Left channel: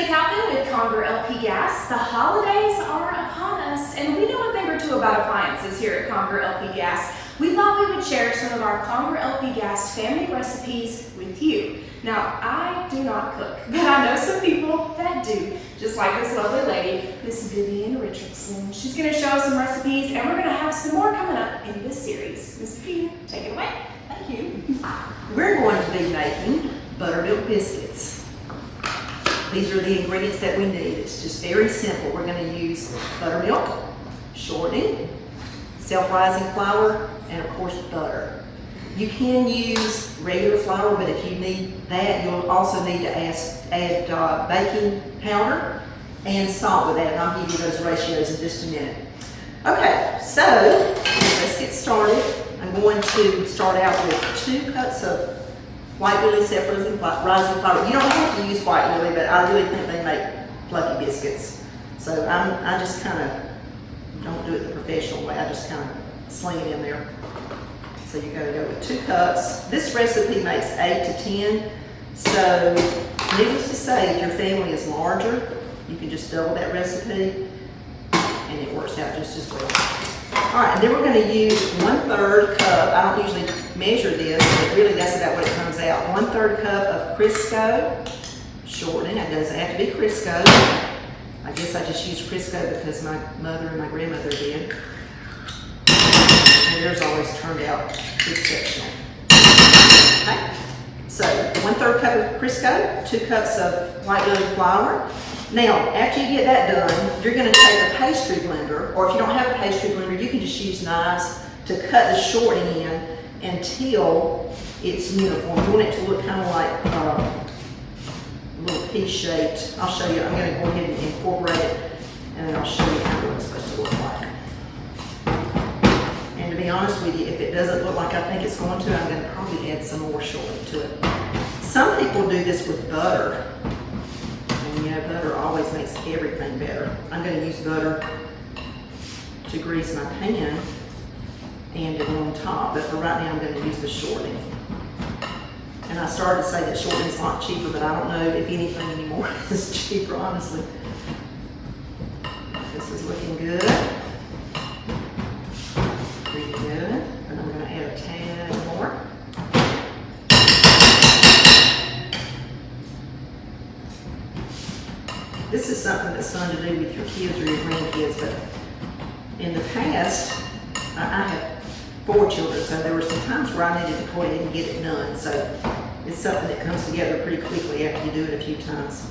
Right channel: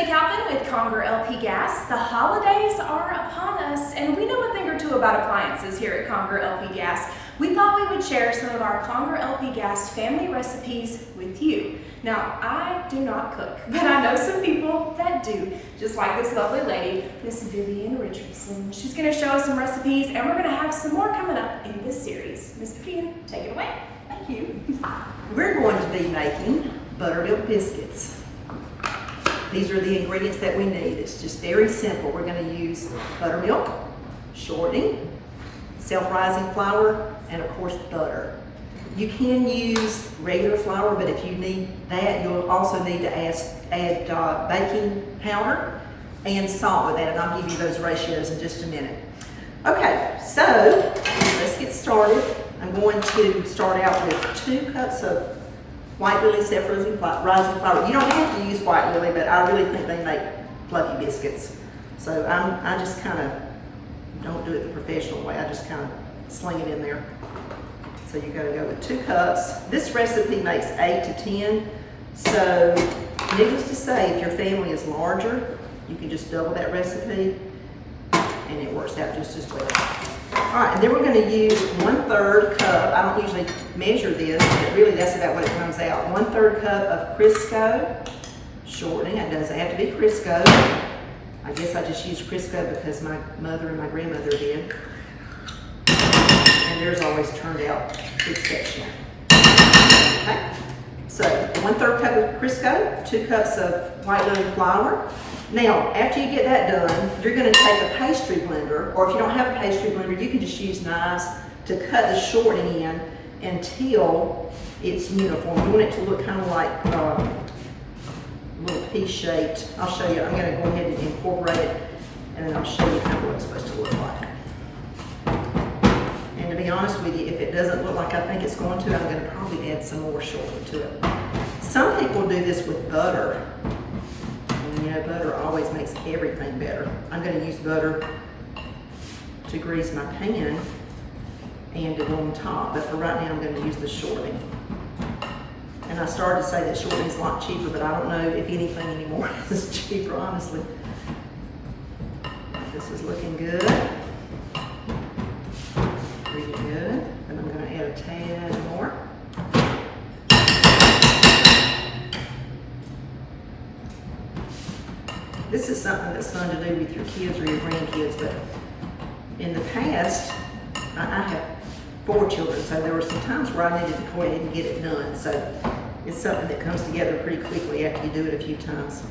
McAlpin with Conger LP Gas. The holidays are upon us, and we know a thing or two about appliances here at Conger LP Gas. We thought we would share some of our Conger LP Gas family recipes with you. Now, I do not cook, but I know some people that do, just like this lovely lady, Miss Vivian Richardson. She's going to show us some recipes, and we're going to have some more coming up in this series. Miss Vivian, take it away. Thank you. We're going to be making buttermilk biscuits. These are the ingredients that we need. It's just very simple. We're going to use buttermilk, shortening, self-rising flour, and of course butter. You can use regular flour, but if you need that, you'll also need to add baking powder and salt with that, and I'll give you those ratios in just a minute. Okay, so let's get started. I'm going to start out with 2 cups of white lily self-rising flour. You don't have to use white lily, but I really think they make fluffy biscuits. So I just kind of don't do it the professional way. I just kind of sling it in there. So you got to go with 2 cups. This recipe makes 8 to 10. So needless to say, if your family is larger, you can just double that recipe and it works out just as well. All right, and then we're going to use 1/3 cup. I don't usually measure this, but really that's about what it comes out. 1/3 cup of Crisco shortening. It doesn't have to be Crisco. I guess I just use Crisco because my mother and my grandmother did. And theirs always turned out exceptional. Okay, so 1/3 cup of Crisco, 2 cups of white lily flour. Now, after you get that done, you're going to take a pastry blender, or if you don't have a pastry blender, you can just use knives to cut the shortening in until it's uniform. You want it to look kind of like a little pea-shaped. I'll show you. I'm going to go ahead and incorporate it, and then I'll show you kind of what it's supposed to look like. And to be honest with you, if it doesn't look like I think it's going to, I'm going to probably add some more shortening to it. Some people do this with butter. And you know, butter always makes everything better. I'm going to use butter to grease my pan and to go on top, but for right now I'm going to use the shortening. And I started to say that shortening is a lot cheaper, but I don't know if anything anymore is cheaper, honestly. This is looking good. Pretty good. And I'm going to add a tad more. This is something that's fun to do with your kids or your grandkids, but in the past, I have 4 children, so there were some times where I needed to go ahead and get it done. So it's something that comes together pretty quickly after you do it a few times.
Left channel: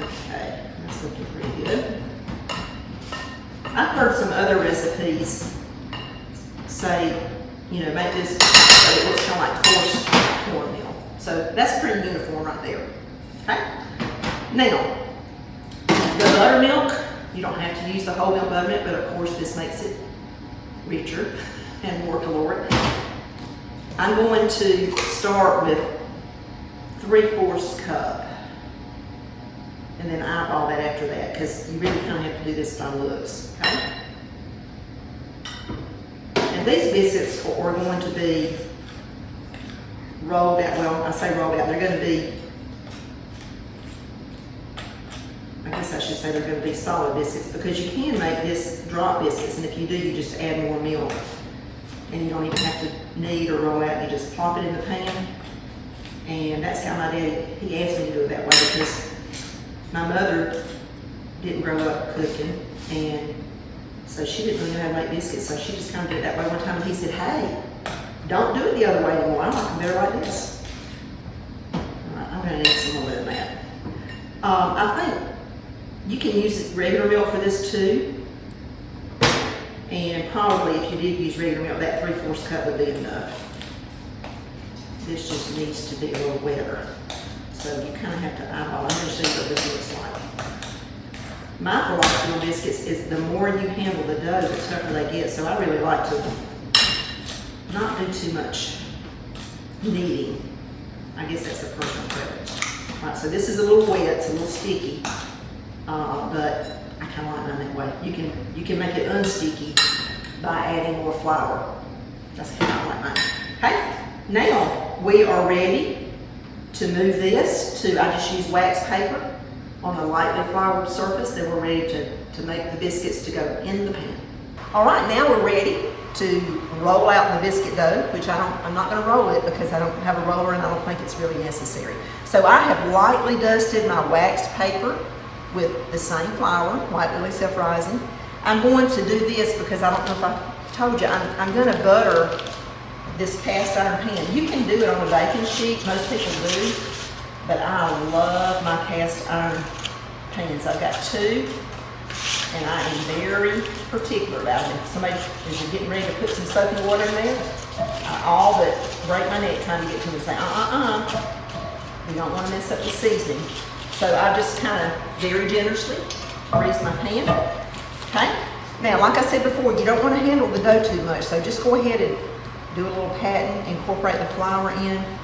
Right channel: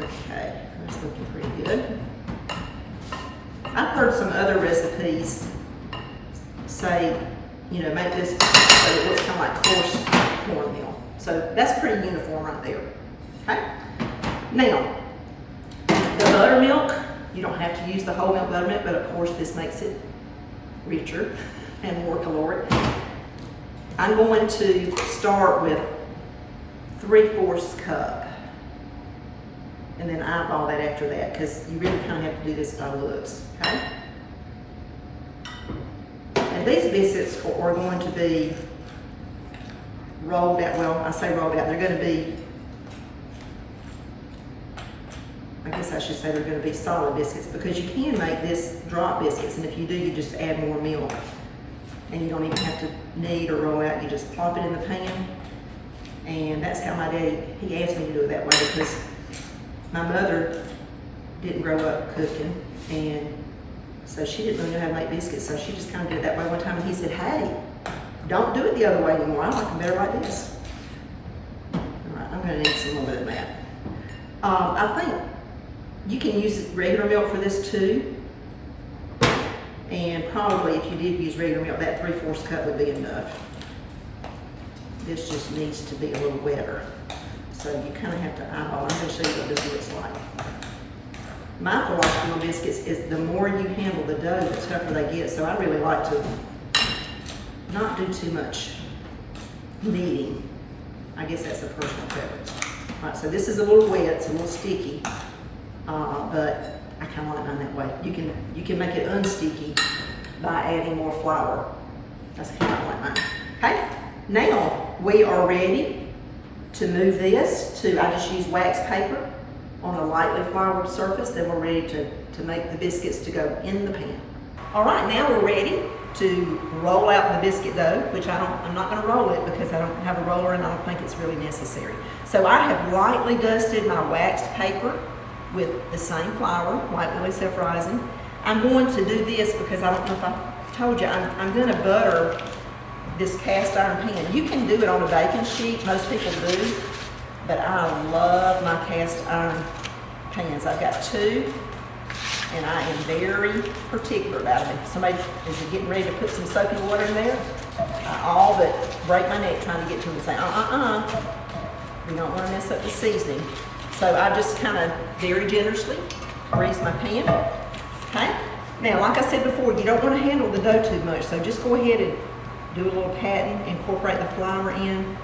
Okay, that's looking pretty good. I've heard some other recipes say, you know, make this so it looks kind of like coarse cornmeal. So that's pretty uniform right there, okay? Now, the buttermilk, you don't have to use the whole milk buttermilk, but of course this makes it richer and more caloric. I'm going to start with 3/4 cup and then eyeball that after that because you really kind of have to do this by looks, okay? And these biscuits are going to be rolled out, well, I say rolled out, they're going to be, I guess I should say they're going to be solid biscuits because you can make this drop biscuits, and if you do, you just add more milk. And you don't even have to knead or roll out, you just plop it in the pan. And that's how my daddy, he asked me to do it that way because my mother didn't grow up cooking, and so she didn't really know how to make biscuits, so she just kind of did it that way one time, and he said, hey, don't do it the other way anymore, I like them better like this. All right, I'm going to need some more than that. I think you can use regular milk for this too, and probably if you did use regular milk, that 3/4 cup would be enough. This just needs to be a little wetter, so you kind of have to eyeball. I'm going to show you what this looks like. My philosophy on biscuits is the more you handle the dough, the tougher they get, so I really like to not do too much kneading. I guess that's a personal preference. All right, so this is a little wet, it's a little sticky. But I kind of like mine that way. You can make it unsticky by adding more flour. That's kind of like mine. Okay, now we are ready to move this to, I just use wax paper on a lightly floured surface. Then we're ready to make the biscuits to go in the pan. All right, now we're ready to roll out the biscuit dough, which I'm not gonna roll it because I don't have a roller and I don't think it's really necessary. So I have lightly dusted my waxed paper with the same flour, white lily self-rising. I'm going to do this because I don't know if I told you, I'm gonna butter this cast iron pan. You can do it on a baking sheet, most people do, but I love my cast iron pans. I've got two, and I am very particular about it. If somebody is getting ready to put some soapy water in there, I all but break my neck trying to get to it and say, we don't want to mess up the seasoning. So I just kind of very generously grease my pan, okay? Now, like I said before, you don't want to handle the dough too much, so just go ahead and do a little patting, incorporate the flour in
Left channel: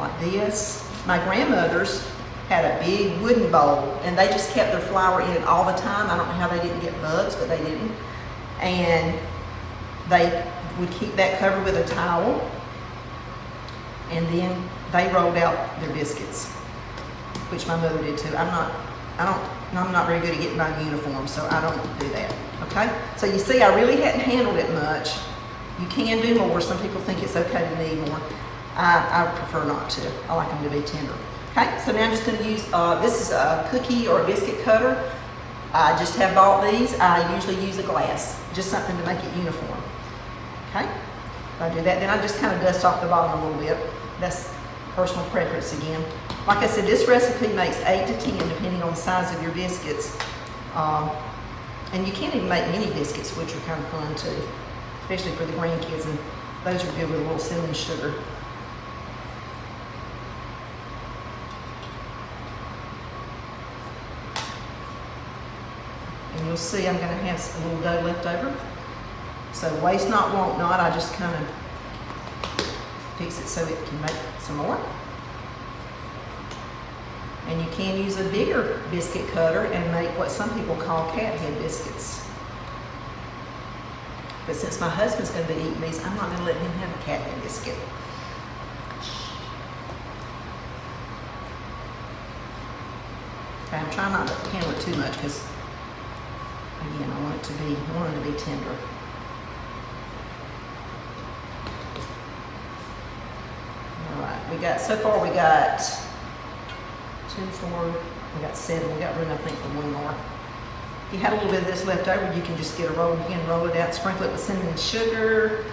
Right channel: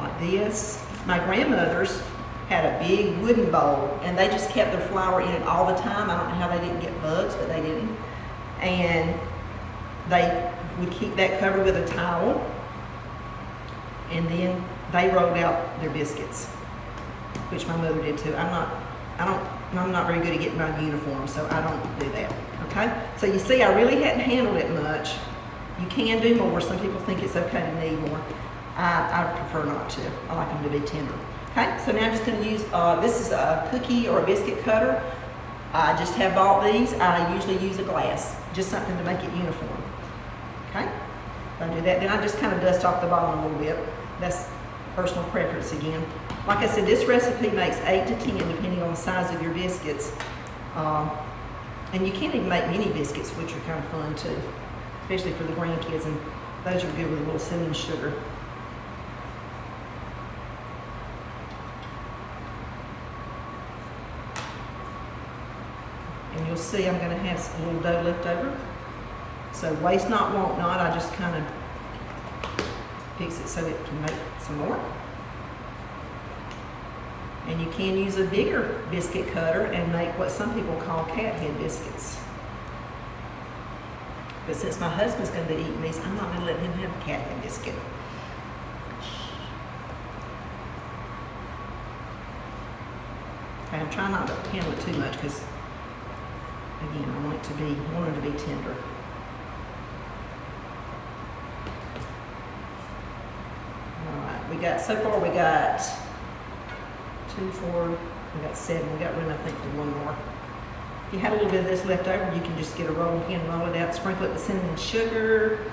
like this. My grandmothers had a big wooden bowl and they just kept their flour in it all the time. I don't know how they didn't get bugs, but they didn't. And they would keep that covered with a towel, and then they rolled out their biscuits, which my mother did too. I'm not very good at getting my uniform, so I don't do that, okay? So you see, I really hadn't handled it much. You can do more. Some people think it's okay to knead more. I prefer not to. I like them to be tender. Okay, so now I'm just going to use, this is a cookie or a biscuit cutter. I just have bought these. I usually use a glass, just something to make it uniform. Okay, if I do that, then I just kind of dust off the bottom a little bit. That's personal preference again. Like I said, this recipe makes 8 to 10 depending on the size of your biscuits. And you can't even make mini biscuits, which are kind of fun too, especially for the grandkids, and those are good with a little cinnamon sugar. And you'll see I'm going to have a little dough left over. So waste not, want not. I just kind of fix it so it can make some more. And you can use a bigger biscuit cutter and make what some people call cat head biscuits. But since my husband's going to be eating these, I'm not going to let him have a cat head biscuit. Okay, I'm trying not to handle it too much because, again, I want them to be tender. All right, so far we got 2, 4, we got 7. We got room, I think, for one more. If you had a little bit of this left over, you can just get a rolling pin, roll it out, sprinkle it with cinnamon and sugar,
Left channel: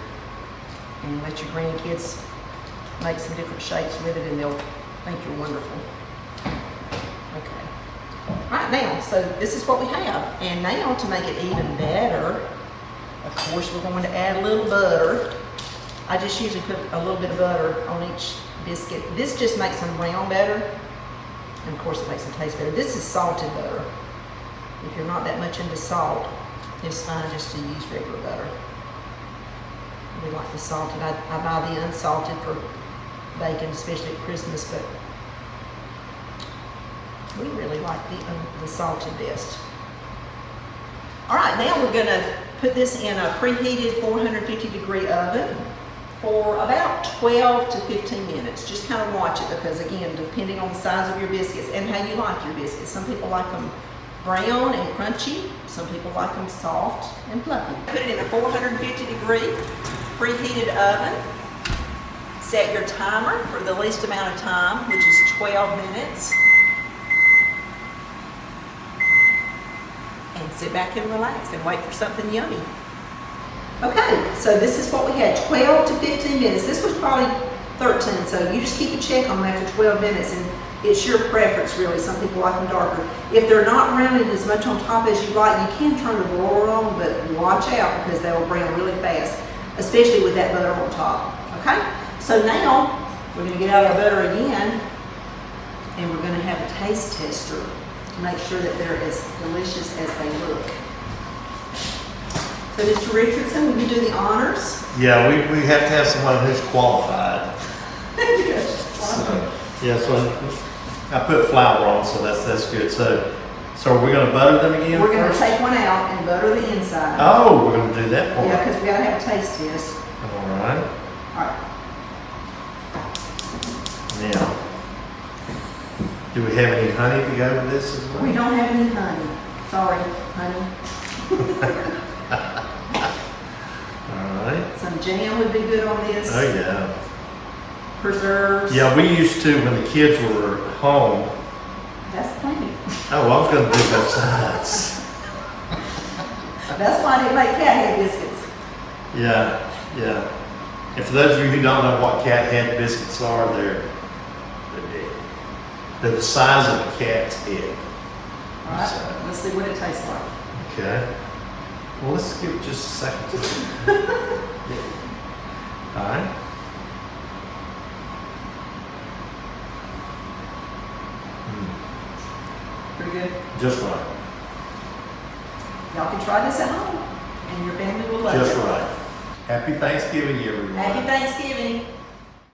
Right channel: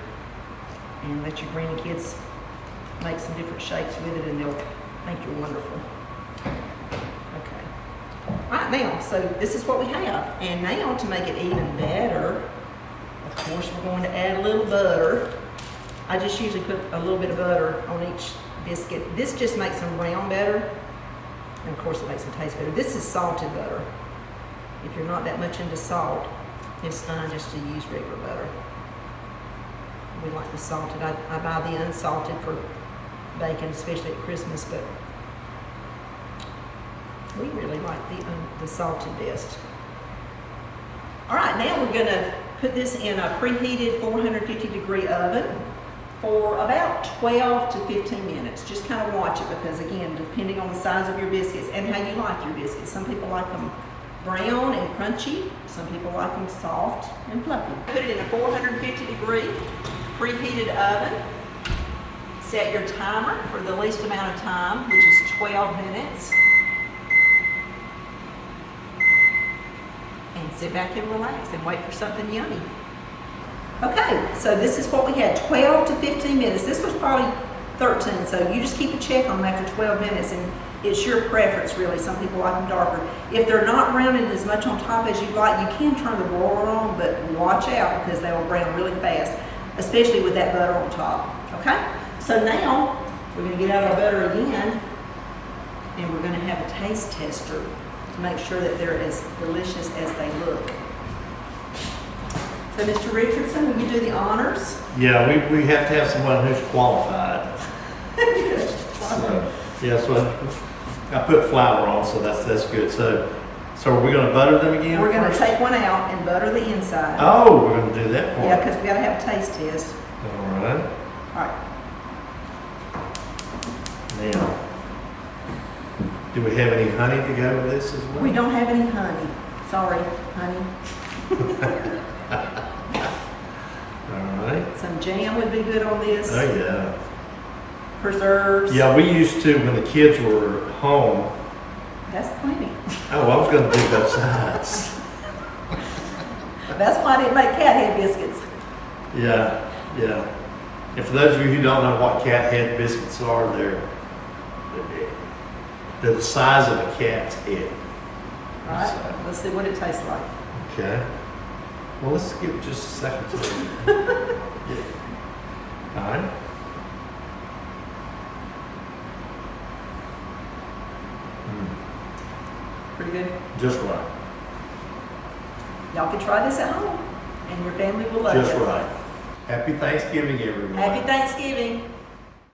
and let your grandkids make some different shapes with it, and they'll think you're wonderful. Okay. All right, now, so this is what we have. And now, to make it even better, of course, we're going to add a little butter. I just usually put a little bit of butter on each biscuit. This just makes them brown better, and of course, it makes them taste better. This is salted butter. If you're not that much into salt, it's fine just to use regular butter. We like the salted. I buy the unsalted for bacon, especially at Christmas, but we really like the salted best. All right, now we're gonna put this in a preheated 450-degree oven for about 12 to 15 minutes. Just kind of watch it because, again, depending on the size of your biscuits and how you like your biscuits. Some people like them brown and crunchy. Some people like them soft and fluffy. Put it in a 450-degree preheated oven. Set your timer for the least amount of time, which is 12 minutes. And sit back and relax and wait for something yummy. Okay, so this is what we had, 12 to 15 minutes. This was probably 13, so you just keep a check on them after 12 minutes, and it's your preference, really. Some people like them darker. If they're not browning as much on top as you like, you can turn the broiler on, but watch out because they will brown really fast, especially with that butter on top, okay? So now, we're gonna get out our butter again, and we're gonna have a taste tester to make sure that they're as delicious as they look. So, Mr. Richardson, will you do the honors? Yeah, we have to have someone who's qualified. So I put flour on, so that's good. So are we going to butter them again? We're going to take one out and butter the inside. Oh, we're going to do that for Yeah, because we got to have a taste test. All right. All right. Now, Do we have any honey to go with this as well? We don't have any honey. Sorry, honey. All right. Some jam would be good on this. Oh, yeah. Preserves. Yeah, we used to, when the kids were home, That's plenty. oh, I was gonna do both sides. That's why I didn't make cat head biscuits. Yeah, yeah. And for those of you who don't know what cat head biscuits are, they're the size of a cat's head. All right, So, let's see what it tastes like. okay. Well, let's give it just a second. Yeah. All right. Pretty good. Just right. Y'all can try this at home, and your family will love Just it. right. Happy Thanksgiving, everyone. Happy Thanksgiving.